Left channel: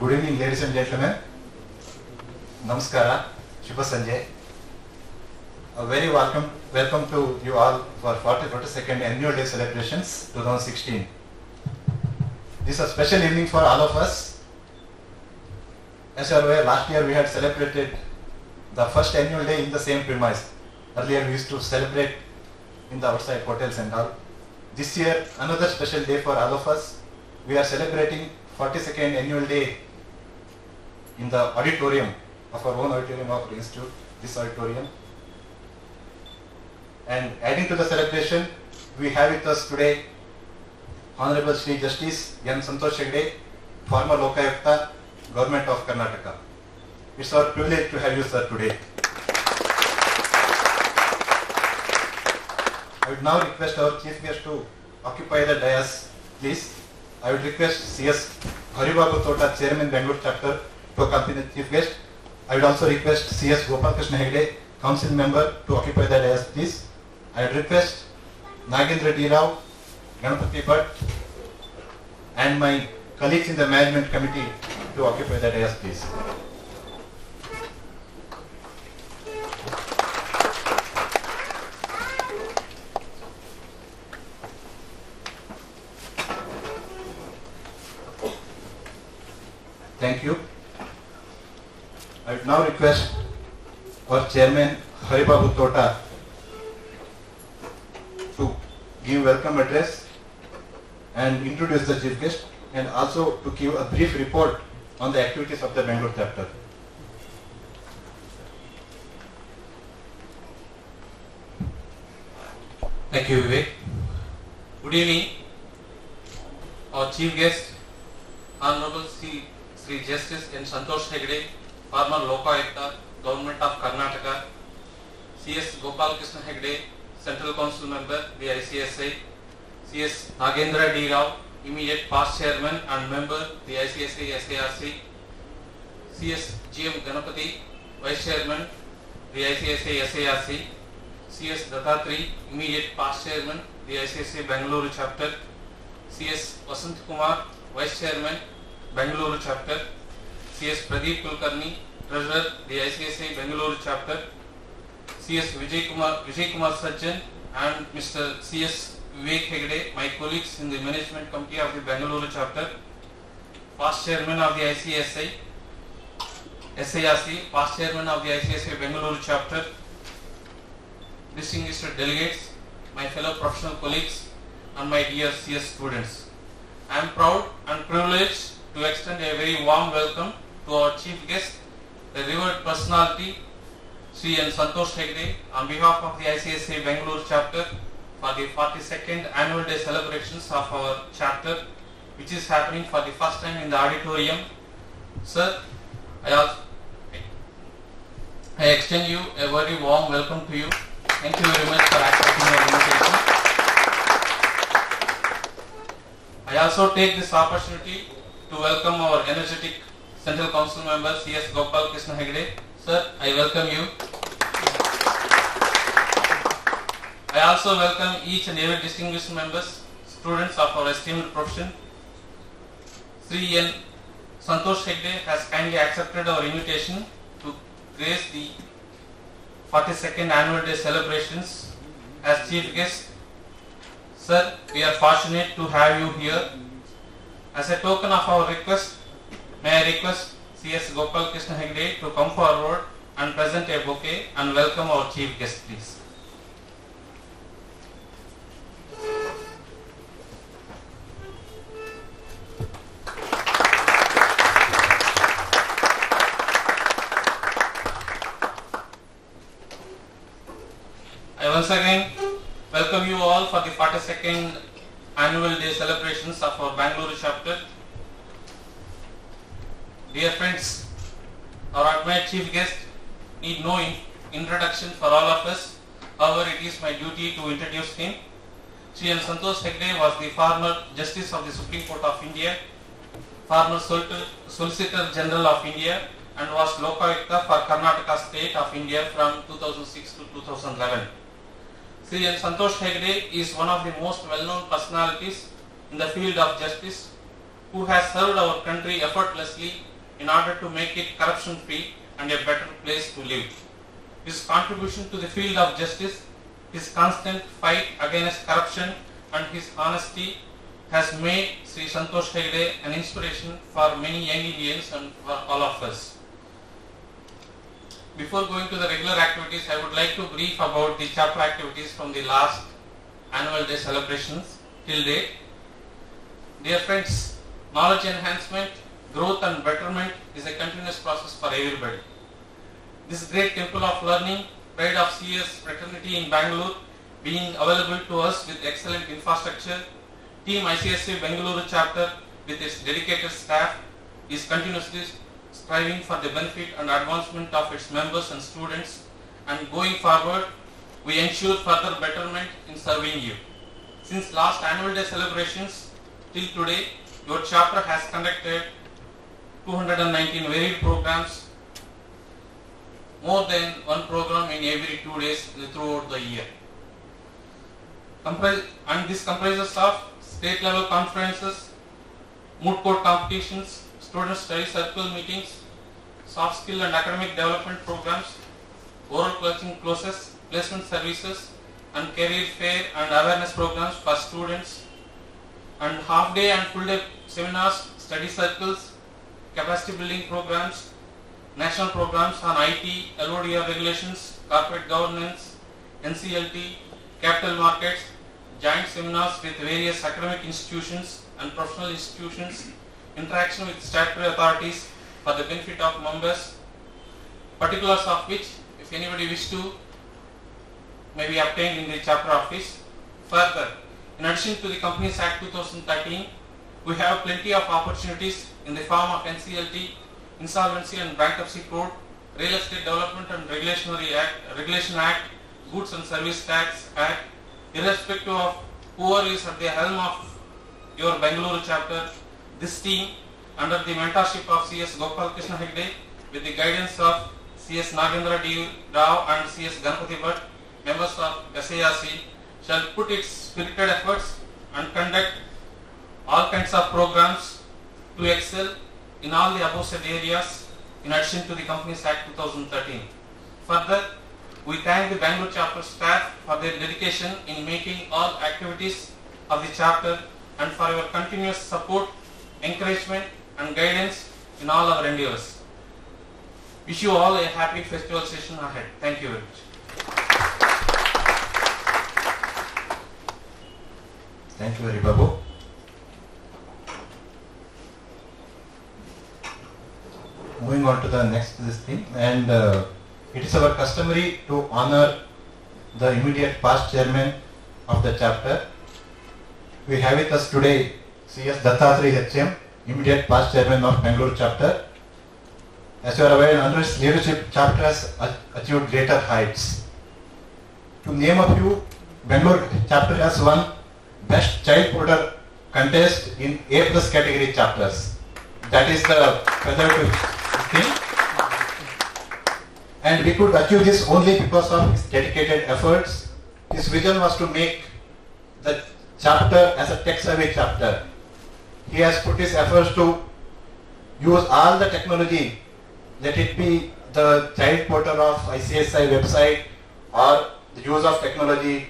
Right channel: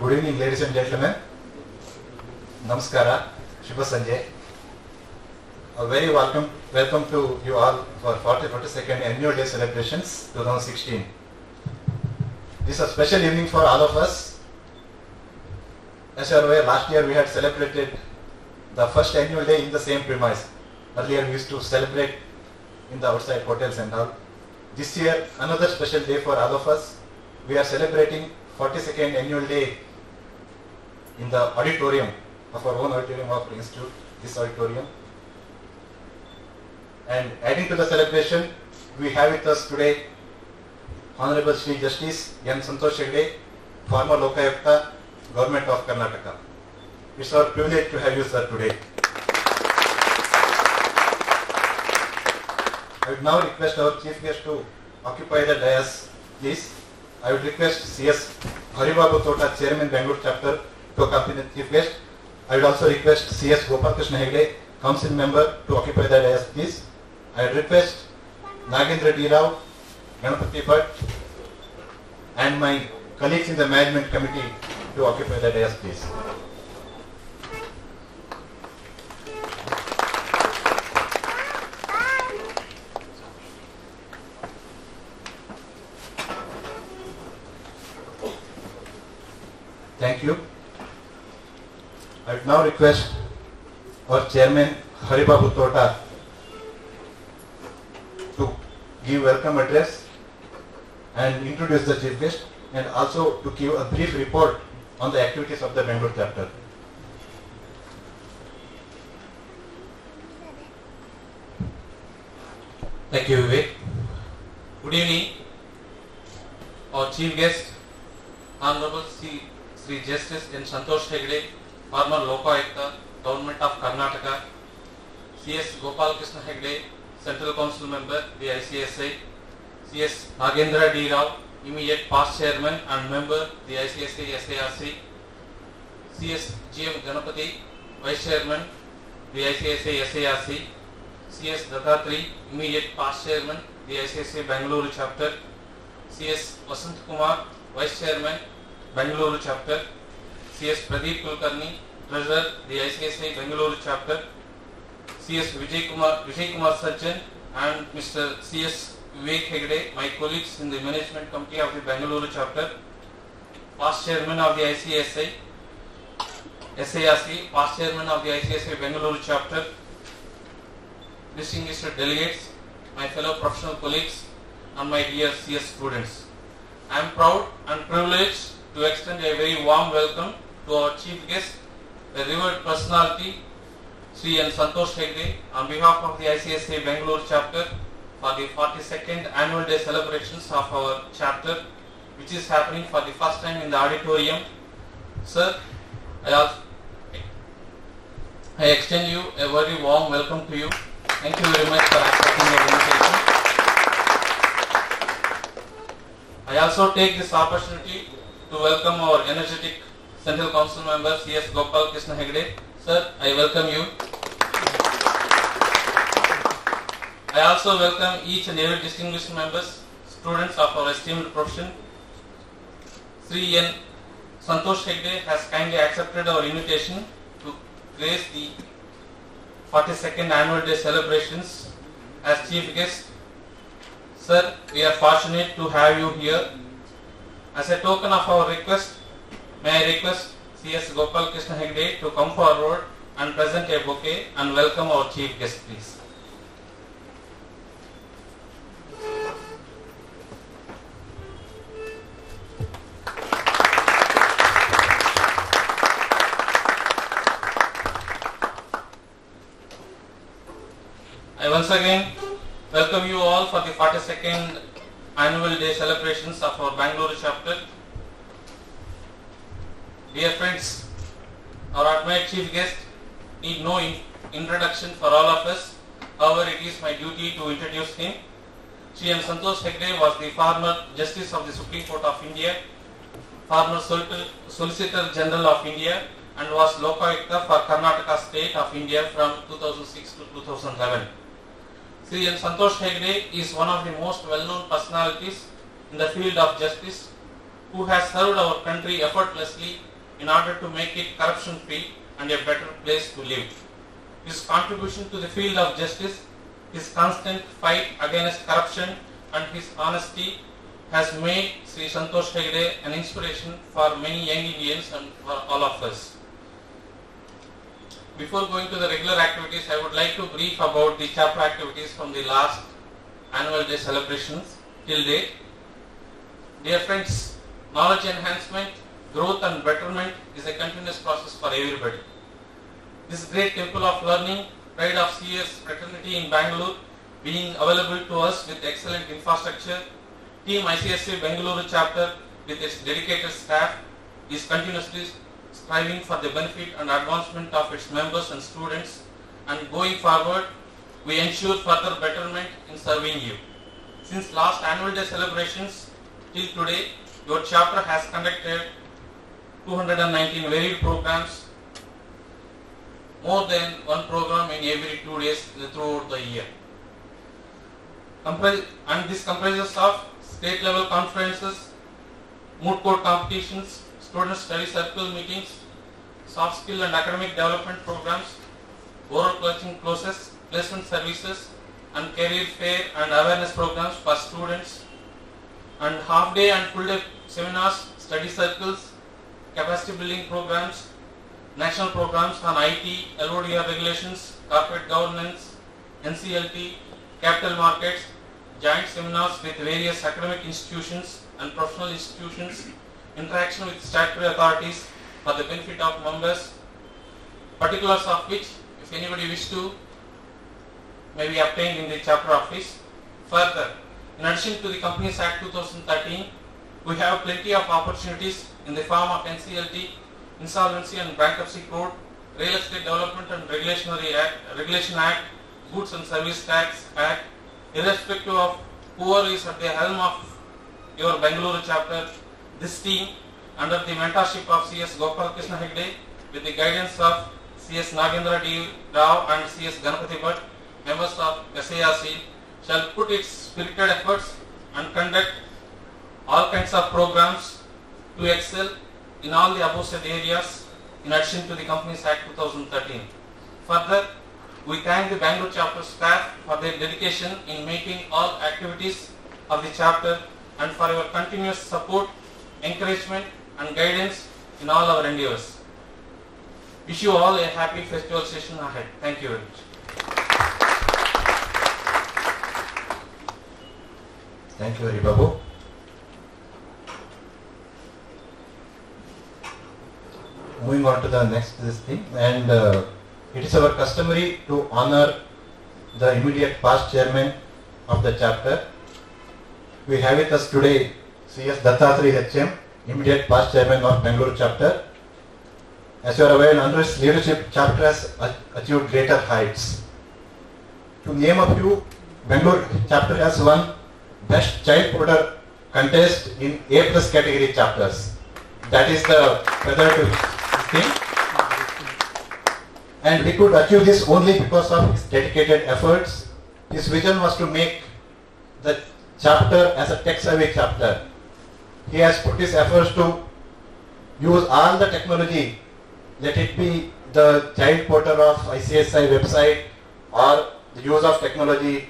Good evening, ladies and gentlemen. Namaskara, Shubha Sanjay. A very welcome to you all for 42nd Annual Day celebrations 2016. This is a special evening for all of us. As you are aware, last year we had celebrated the first annual day in the same premise. Earlier we used to celebrate in the outside hotels and all. This year, another special day for all of us. We are celebrating 42nd annual day in the auditorium of our own auditorium of the institute, this auditorium. And adding to the celebration, we have with us today Honorable Shri Justice N. Santosh Hegde, former Lokayukta, Government of Karnataka. It's our privilege to have you, sir, today. I would now request our chief guest to occupy the dais, please. I would request C.S. Haribabu Tota, Chairman, Bangalore Chapter, to accompany the chief guest. I would also request C.S. Gopalakrishna Hegde, Council Member, to occupy the dais, please. I would request Nagendra D. Rao, Ganapati Bhatt, and my colleagues in the Management Committee to occupy the dais, please. Thank you. I would now request our Chairman Haribabu Tota to give welcome address and introduce the chief guest, and also to give a brief report on the activities of the Bangalore chapter. Thank you, Vivek. Good evening. Our chief guest, Honorable Sri Justice N. Santosh Hegde, former Lokayukta, Government of Karnataka, C.S. Gopalakrishna Hegde, Central Council Member, the ICSI, C.S. Nagendra D. Rao, immediate past Chairman and Member, the ICSI SARC, C.S. G.M. Ganapati, Vice Chairman, the ICSI SARC, C.S. Dattatri, immediate past Chairman, the ICSI Bangalore Chapter, C.S. Vasant Kumar, Vice Chairman, Bangalore Chapter, C.S. Pradeep Kulkarni, Treasurer, the ICSI Bangalore Chapter, C.S. Vijay Kumar Sajjan, and Mr. C.S. Vivek Hegde, my colleagues in the Management Committee of the Bangalore Chapter, past Chairman of the ICSI, SARC, past Chairman of the ICSI Bangalore Chapter, distinguished delegates, my fellow professional colleagues, and my dear CS students. I am proud and privileged to extend a very warm welcome to our chief guest, a revered personality, Sri N. Santosh Hegde, on behalf of the ICSI Bangalore chapter for the 42nd annual day celebrations of our chapter, which is happening for the first time in the auditorium. Sir, I extend you a very warm welcome to you. Thank you very much for accepting our invitation. I also take this opportunity to welcome our energetic Central Council Member C.S. Gopalakrishna Hegde. Sir, I welcome you. I also welcome each and every distinguished members, students of our esteemed profession. Sri N. Santosh Hegde has kindly accepted our invitation to grace the 42nd annual day celebrations as chief guest. Sir, we are fortunate to have you here. As a token of our request, may I request C.S. Gopalakrishna Hegde to come forward and present a bouquet and welcome our chief guest, please. I once again welcome you all for the 42nd annual day celebrations of our Bangalore chapter. Dear friends, our admired chief guest need no introduction for all of us. However, it is my duty to introduce him. Sri N. Santosh Hegde was the former Justice of the Supreme Court of India, former Solicitor General of India, and was Lokayukta for Karnataka State of India from 2006 to 2011. Sri N. Santosh Hegde is one of the most well-known personalities in the field of justice who has served our country effortlessly in order to make it corruption free and a better place to live. His contribution to the field of justice, his constant fight against corruption and his honesty has made Sri Santosh Hegde an inspiration for many young Indians and for all of us. Before going to the regular activities, I would like to brief about the chapter activities from the last annual day celebrations till date. Dear friends, knowledge enhancement, growth and betterment is a continuous process for everybody. This great temple of learning, pride of CS fraternity in Bangalore, being available to us with excellent infrastructure, Team ICSC Bengaluru chapter with its dedicated staff is continuously striving for the benefit and advancement of its members and students, and going forward we ensure further betterment in serving you. Since last annual day celebrations till today, your chapter has conducted 219 varied programs, more than one program in every 2 days throughout the year. And this comprises of state level conferences, moot court competitions, student study circle meetings, soft skill and academic development programs, oral coaching courses, placement services and career fair and awareness programs for students, and half day and full day seminars, study circles, capacity building programs, national programs on IT, LODR regulations, corporate governance, NCLT, capital markets, joint seminars with various academic institutions and professional institutions, interaction with statutory authorities for the benefit of members, particulars of which, if anybody wish to, may be obtained in the chapter office. Further, in addition to the Companies Act 2013, we have plenty of opportunities in the form of NCLT, Insolvency and Bankruptcy Code, Real Estate Development and Regulation Act, Goods and Service Tax Act. Irrespective of whoever is at the helm of your Bengaluru chapter, this team under the mentorship of CS Gopal Krishna Hegde with the guidance of CS Nagendra D. Rao and CS Ganapati Bhatt, members of SARC, shall put its spirited efforts and conduct all kinds of programs to excel in all the above said areas in addition to the Companies Act 2013. Further, we thank the Bangalore chapter staff for their dedication in making all activities of the chapter and for your continuous support, encouragement and guidance in all our endeavors. Wish you all a happy festival session ahead. Thank you very much. Thank you, Hari Babu. Moving on to the next thing, and it is our customary to honor the immediate past chairman of the chapter. We have with us today CS Dattatreya HM, immediate past chairman of Bengaluru chapter. As you are aware, under his leadership, chapter has achieved greater heights. To name a few, Bengaluru chapter has won Best Child Porter contest in A+ category chapters. That is the feather to thing. And we could achieve this only because of his dedicated efforts. His vision was to make the chapter as a tech-savvy chapter. He has put his efforts to use all the technology, let it be the child portal of ICSI website or the use of technology,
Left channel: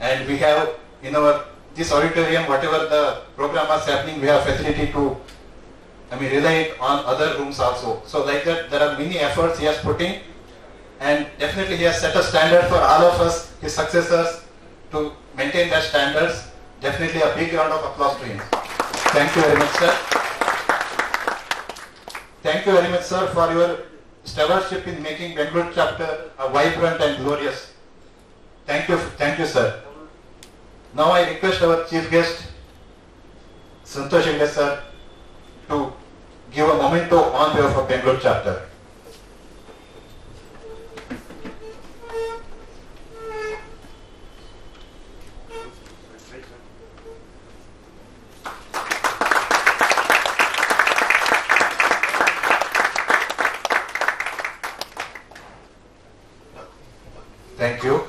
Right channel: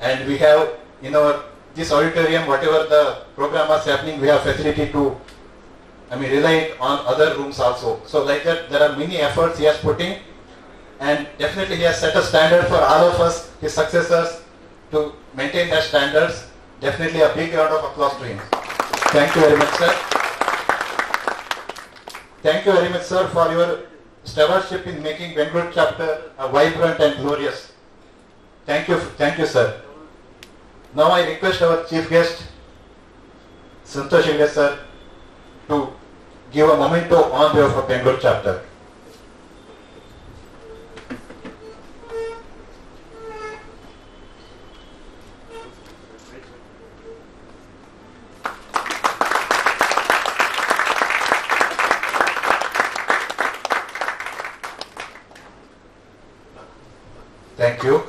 and we have in our this auditorium, whatever the program was happening, we have facility to rely on other rooms also. So like that, there are many efforts he has put in, and definitely he has set a standard for all of us, his successors, to maintain that standards. Definitely a big round of applause to him. Thank you very much, sir. Thank you very much, sir, for your stewardship in making Bengaluru chapter a vibrant and glorious. Thank you, sir. Now I request our chief guest, Santosh Hegde sir, to give a memento on behalf of Bengaluru chapter. Thank you.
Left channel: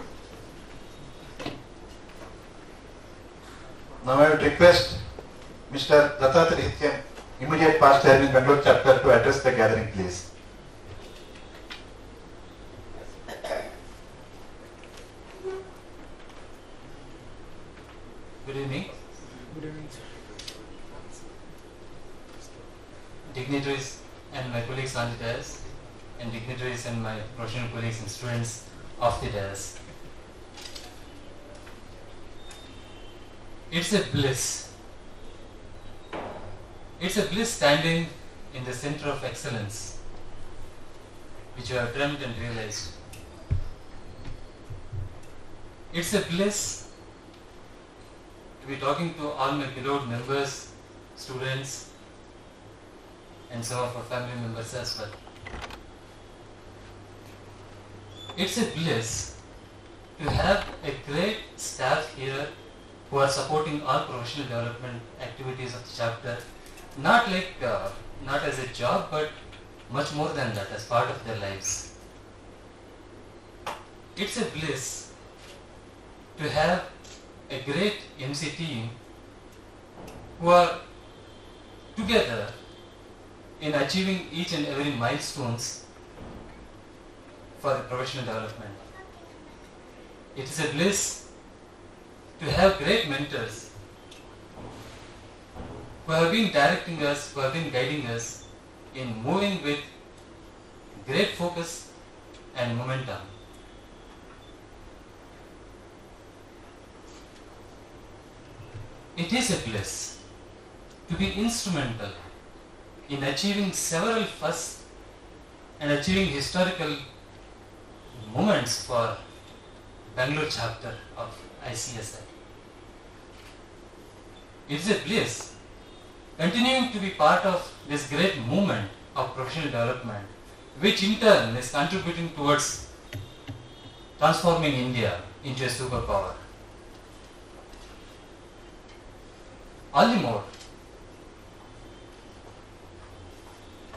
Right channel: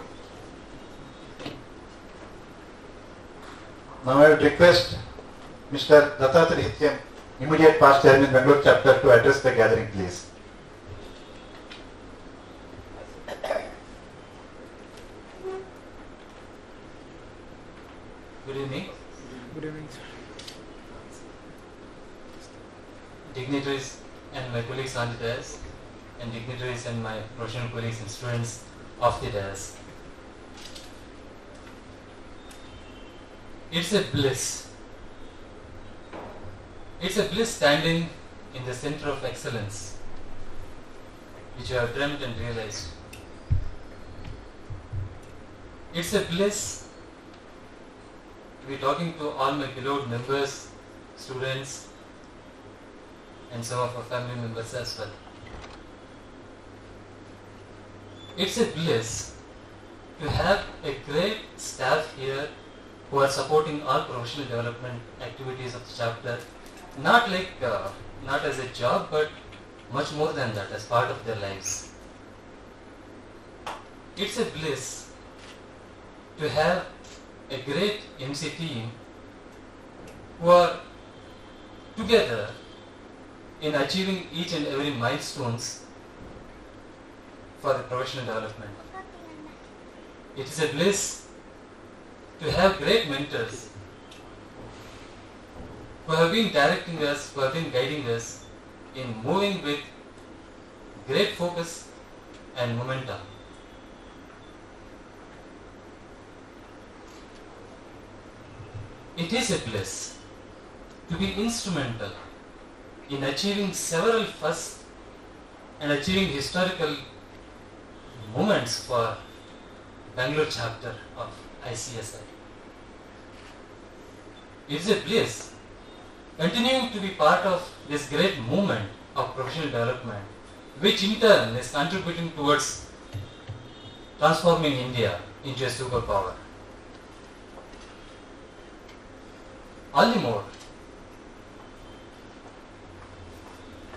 Now I would request Mr. Dattatreya HM immediate past chairman Bangalore chapter to address the gathering, please. Good evening. Good evening, sir. Dignitaries and my colleagues on the dais, and dignitaries and my professional colleagues and students of the dais. It's a bliss. It's a bliss standing in the center of excellence, which you have dreamt and realized. It's a bliss to be talking to all my beloved members, students, and some of our family members as well. It's a bliss to have a great staff here who are supporting all professional development activities of the chapter, not as a job, but much more than that, as part of their lives. It's a bliss to have a great MC team who are together in achieving each and every milestones for the professional development. It is a bliss to have great mentors who have been directing us, who have been guiding us in moving with great focus and momentum. It is a bliss to be instrumental in achieving several firsts and achieving historical moments for Bangalore chapter of ICSI. It is a bliss continuing to be part of this great movement of professional development, which in turn is contributing towards transforming India into a superpower. All the more,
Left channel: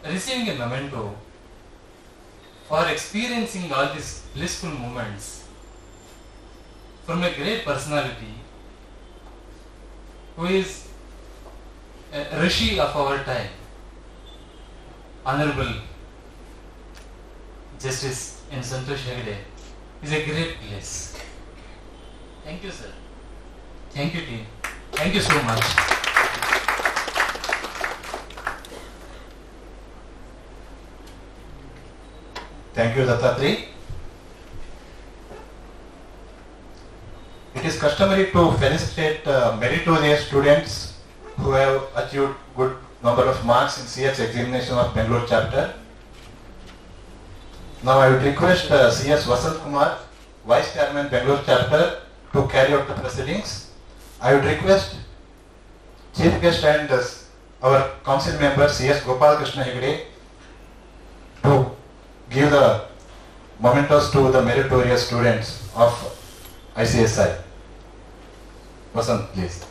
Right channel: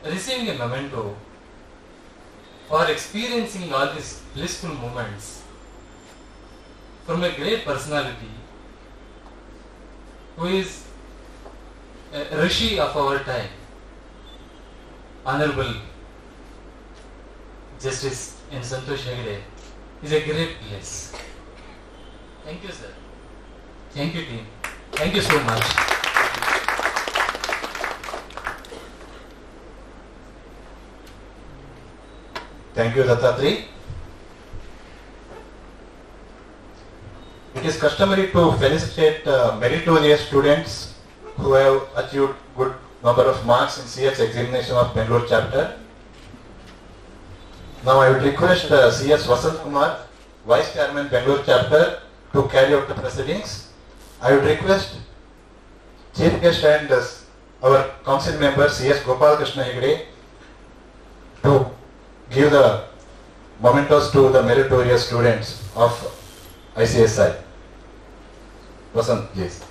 receiving a memento for experiencing all these blissful moments from a great personality who is a rishi of our time, Honorable Justice N. Santosh Hegde, is a great bliss. Thank you, sir. Thank you, team. Thank you so much. Thank you, Dattatri. It is customary to felicitate meritorious students who have achieved good number of marks in CS examination of Bangalore chapter. Now I would request CS Vasant Kumar, Vice Chairman Bangalore chapter, to carry out the proceedings. I would request Chief Guest and our Council member CS Gopal Krishna Hegde to give the mementos to the meritorious students of ICSI. Vasant, please.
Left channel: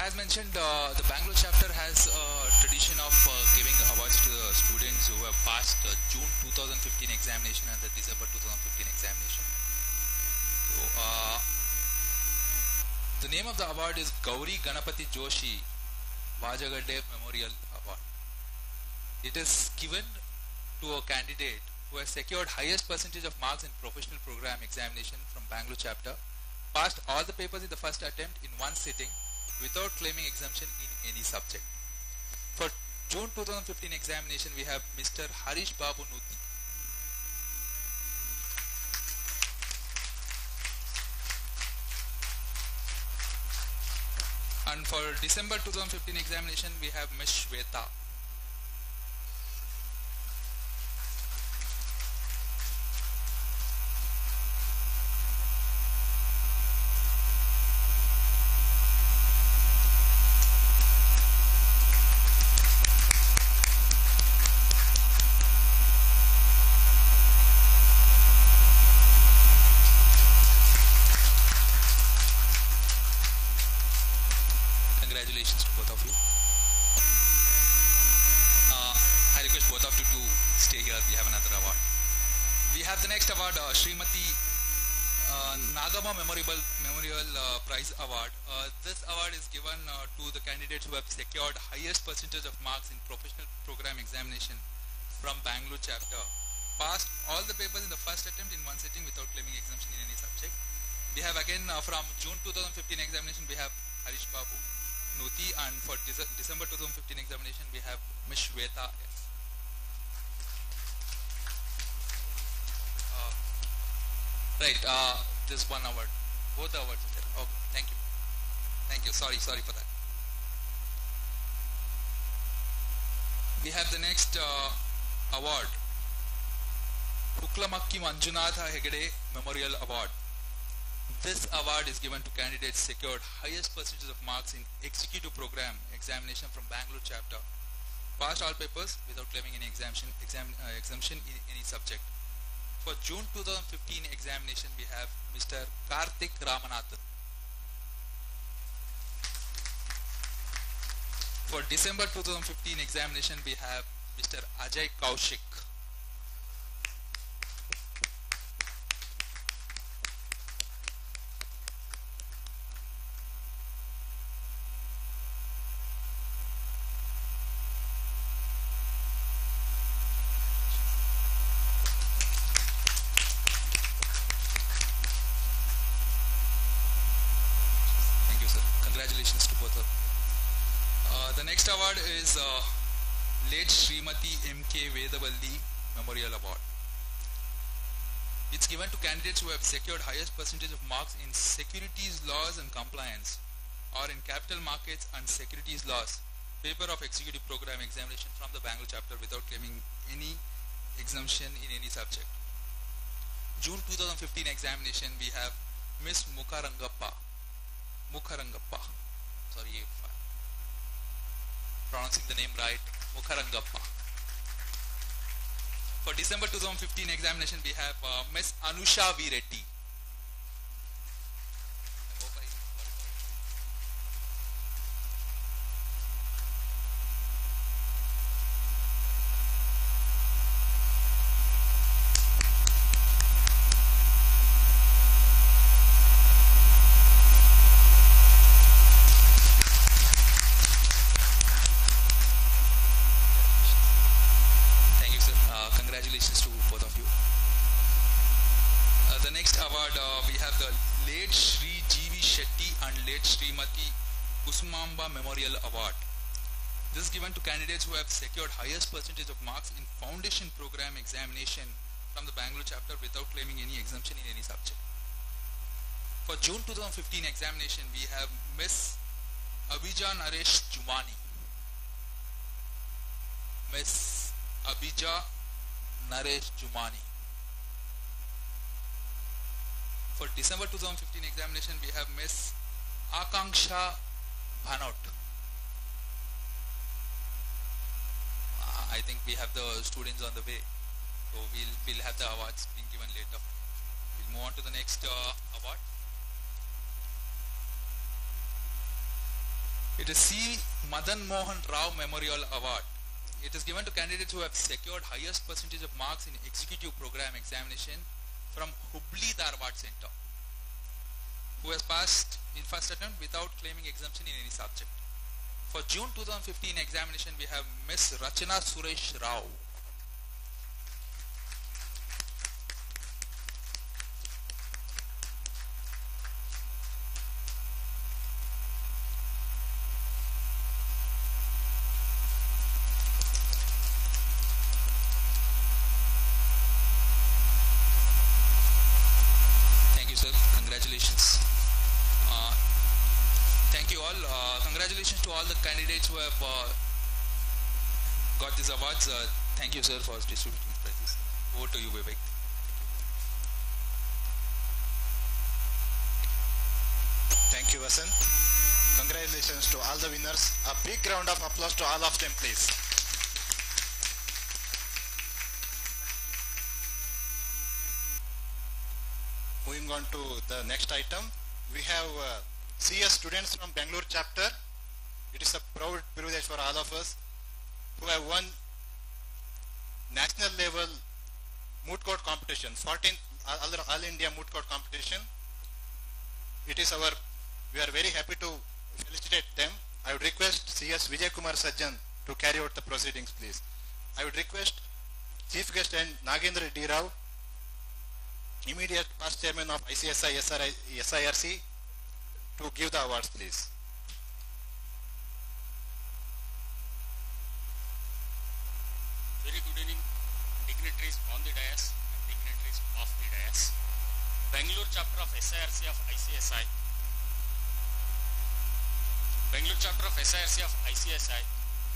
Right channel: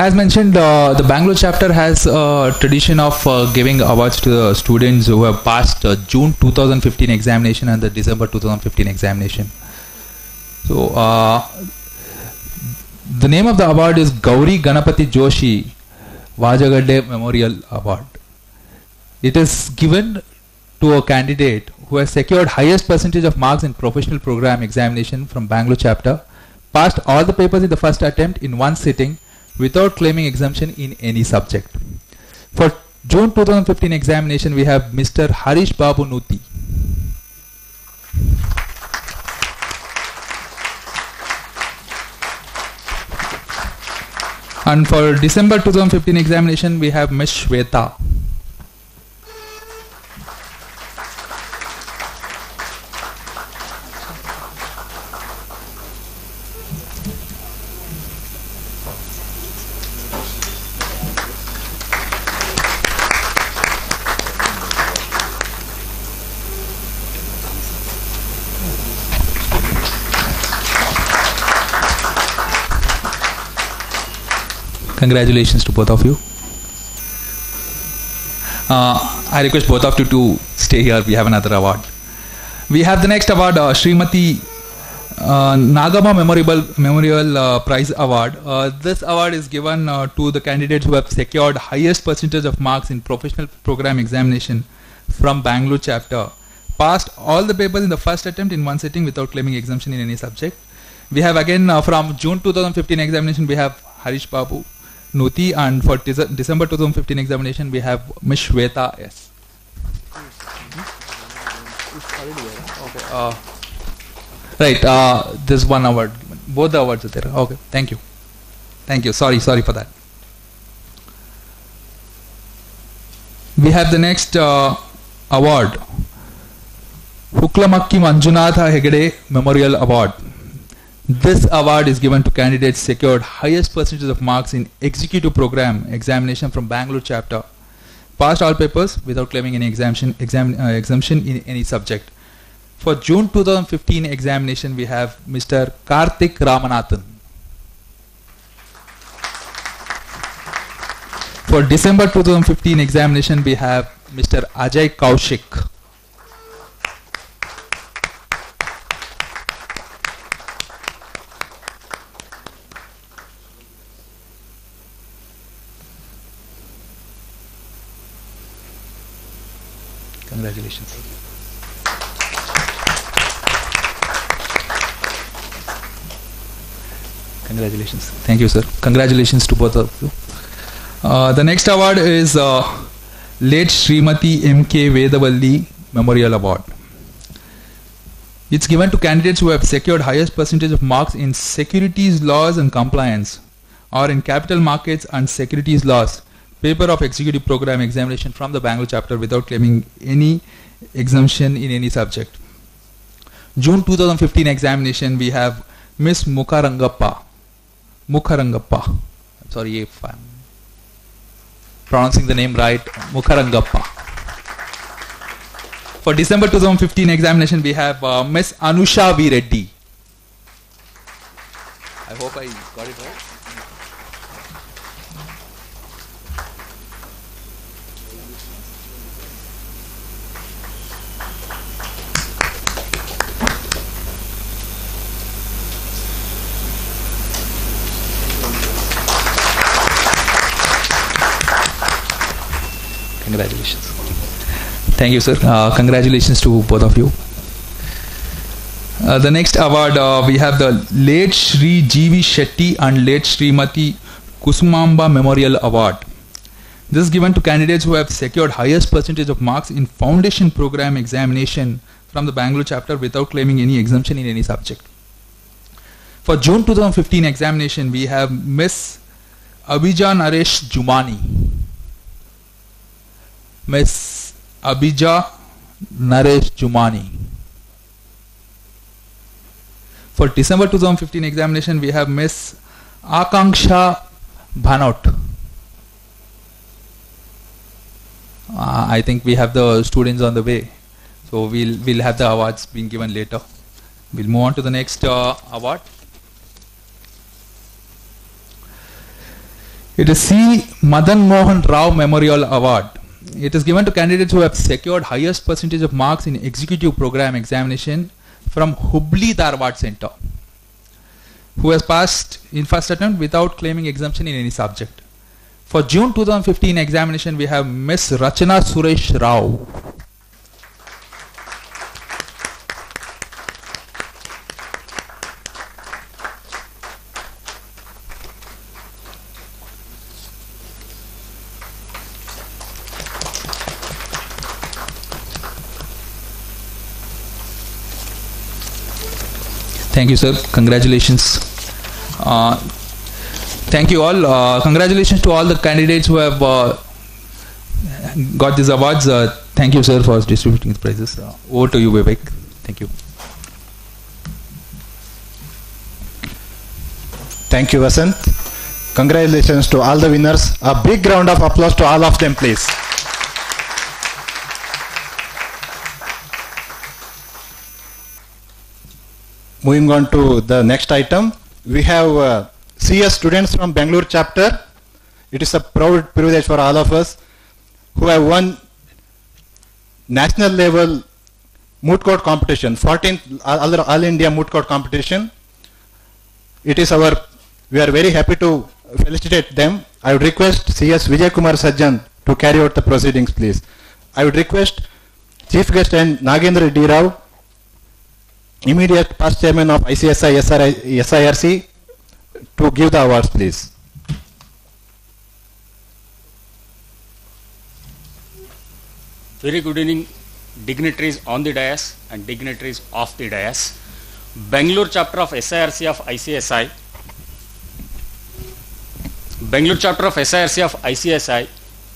As mentioned, the Bangalore chapter has a tradition of giving awards to the students who have passed June 2015 examination and the December 2015 examination. So, the name of the award is Gauri Ganapati Joshi Vajagadde Memorial Award. It is given to a candidate who has secured highest percentage of marks in professional program examination from Bangalore chapter, passed all the papers in the first attempt in one sitting, without claiming exemption in any subject. For June 2015 examination, we have Mr. Harish Babu Nuti. And for December 2015 examination, we have Ms. Shweta. Congratulations to both of you. I request both of you to stay here. We have another award. We have the next award, Srimati Nagama Memorial Prize Award. This award is given to the candidates who have secured highest percentage of marks in professional program examination from Bangalore chapter, passed all the papers in the first attempt in one sitting without claiming exemption in any subject. We have again from June 2015 examination we have Harish Babu Nuti, and for December 2015 examination we have Ms. Shweta S. Right, this one award, both the awards are there. Okay, thank you. Thank you, sorry for that. We have the next award, Huklamakki Manjunatha Hegde Memorial Award. This award is given to candidates secured highest percentage of marks in executive program examination from Bangalore chapter, passed all papers without claiming any exemption in any subject. For June 2015 examination we have Mr. Karthik Ramanathan. For December 2015 examination we have Mr. Ajay Kaushik. Congratulations. Congratulations. Thank you, sir. Congratulations to both of you. The next award is Late Srimati M.K. Vedavalli Memorial Award. It's given to candidates who have secured highest percentage of marks in securities laws and compliance, or in capital markets and securities laws, paper of executive program examination from the Bangalore chapter without claiming any exemption in any subject. June 2015 examination we have Miss Mukharangappa. I'm sorry if I'm pronouncing the name right. Mukharangappa. For December 2015 examination we have Miss Anusha V. Reddy. I hope I got it right. Congratulations. Thank you, sir. Congratulations to both of you. The next award we have the Late Shri G.V. Shetty and Late Srimati Kusumamba Memorial Award. This is given to candidates who have secured highest percentage of marks in foundation program examination from the Bangalore chapter without claiming any exemption in any subject. For June 2015 examination we have Miss Abhija Naresh Jumani. Miss Abhija Naresh Jumani. For December 2015 examination we have Miss Akanksha Bhanot. I think we have the students on the way, so we'll have the awards being given later. We'll move on to the next award. It is C. Madan Mohan Rao Memorial Award. It is given to candidates who have secured highest percentage of marks in executive program examination from Hubli Dharwad Center, who has passed in first attempt without claiming exemption in any subject. For June 2015 examination we have Miss Rachana Suresh Rao. Thank you, sir. Congratulations. Thank you all. Congratulations to all the candidates who have got these awards. Thank you, sir, for distributing the prizes. Over to you, Vivek. Thank you. Thank you, Vasant. Congratulations to all the winners. A big round of applause to all of them, please. Moving on to the next item, we have CS students from Bangalore chapter. It is a proud privilege for all of us who have won national level moot court competition, 14th All India moot court competition. We are very happy to felicitate them. I would request CS Vijay Kumar Sajjan to carry out the proceedings, please. I would request Chief Guest and Nagendra D. Rao, immediate past chairman of ICSI SIRC, to give the awards, please. Very good evening, dignitaries on the dais and dignitaries off the dais. Bangalore chapter of SIRC of ICSI. Bangalore chapter of SIRC of ICSI,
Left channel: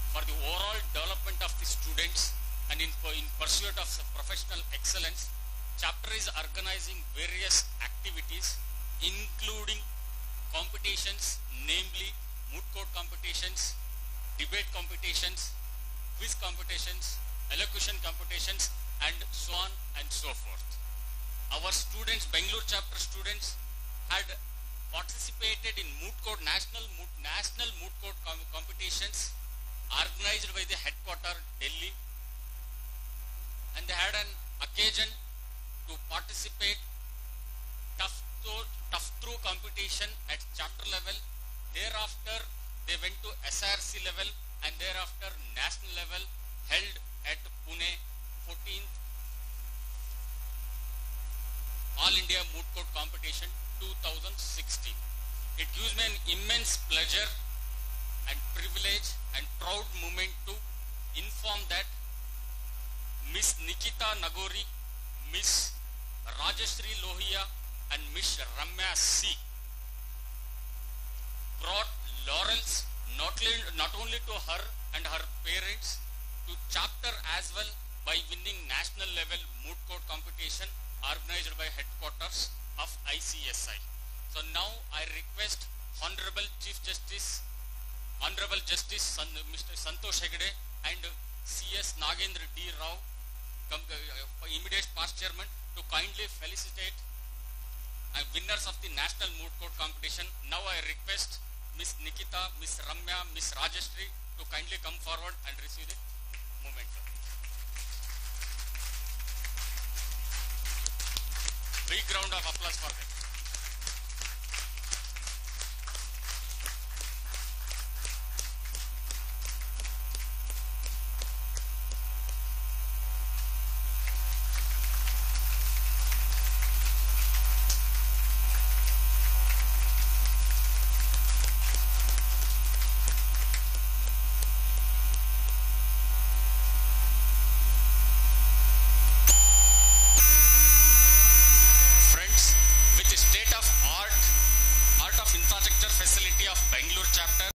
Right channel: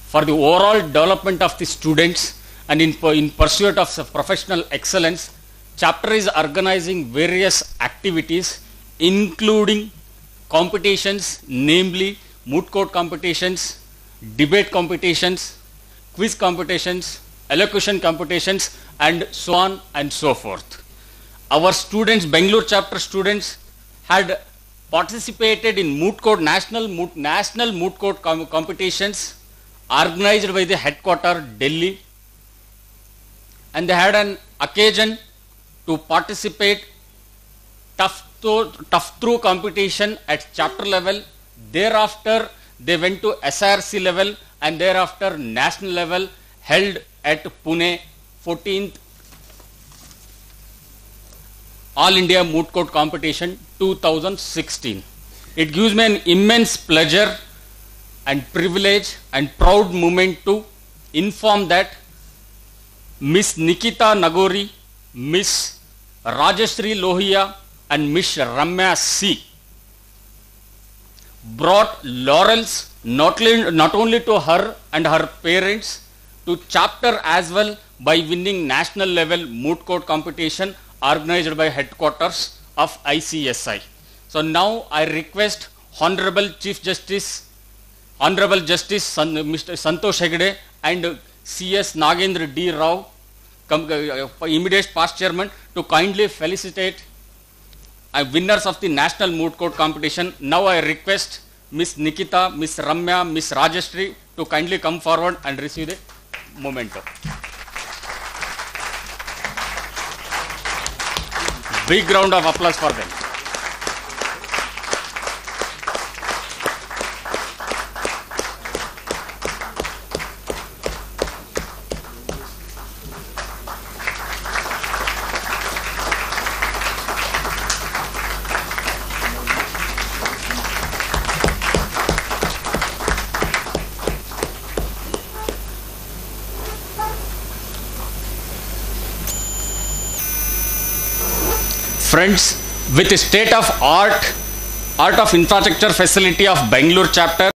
for the overall development of the students and in pursuit of professional excellence, chapter is organizing various activities including competitions, namely moot court competitions, debate competitions, quiz competitions, elocution competitions, and so on and so forth. Our students, Bangalore chapter students, had participated in moot court, national moot court competitions organized by the headquarter Delhi, and they had an occasion to participate tough through competition at chapter level. Thereafter they went to SIRC level, and thereafter national level, held at Pune, 14th All India Moot Court Competition 2016. It gives me an immense pleasure and privilege and proud moment to inform that Miss Nikita Nagori, Miss Rajashri Lohia, and Miss Ramya C brought laurels not only to her and her parents, to chapter as well, by winning national level moot court competition organized by headquarters of ICSI. So now I request Honorable Chief Justice, Honorable Justice Mr. Santosh Hegde and CS Nagendra D. Rao, immediate past chairman, to kindly felicitate winners of the national moot court competition. Now I request Miss Nikita, Miss Ramya, Miss Rajashri to kindly come forward and receive the memento. Big round of applause for them. Friends, with the state of art of infrastructure facility of Bangalore chapter,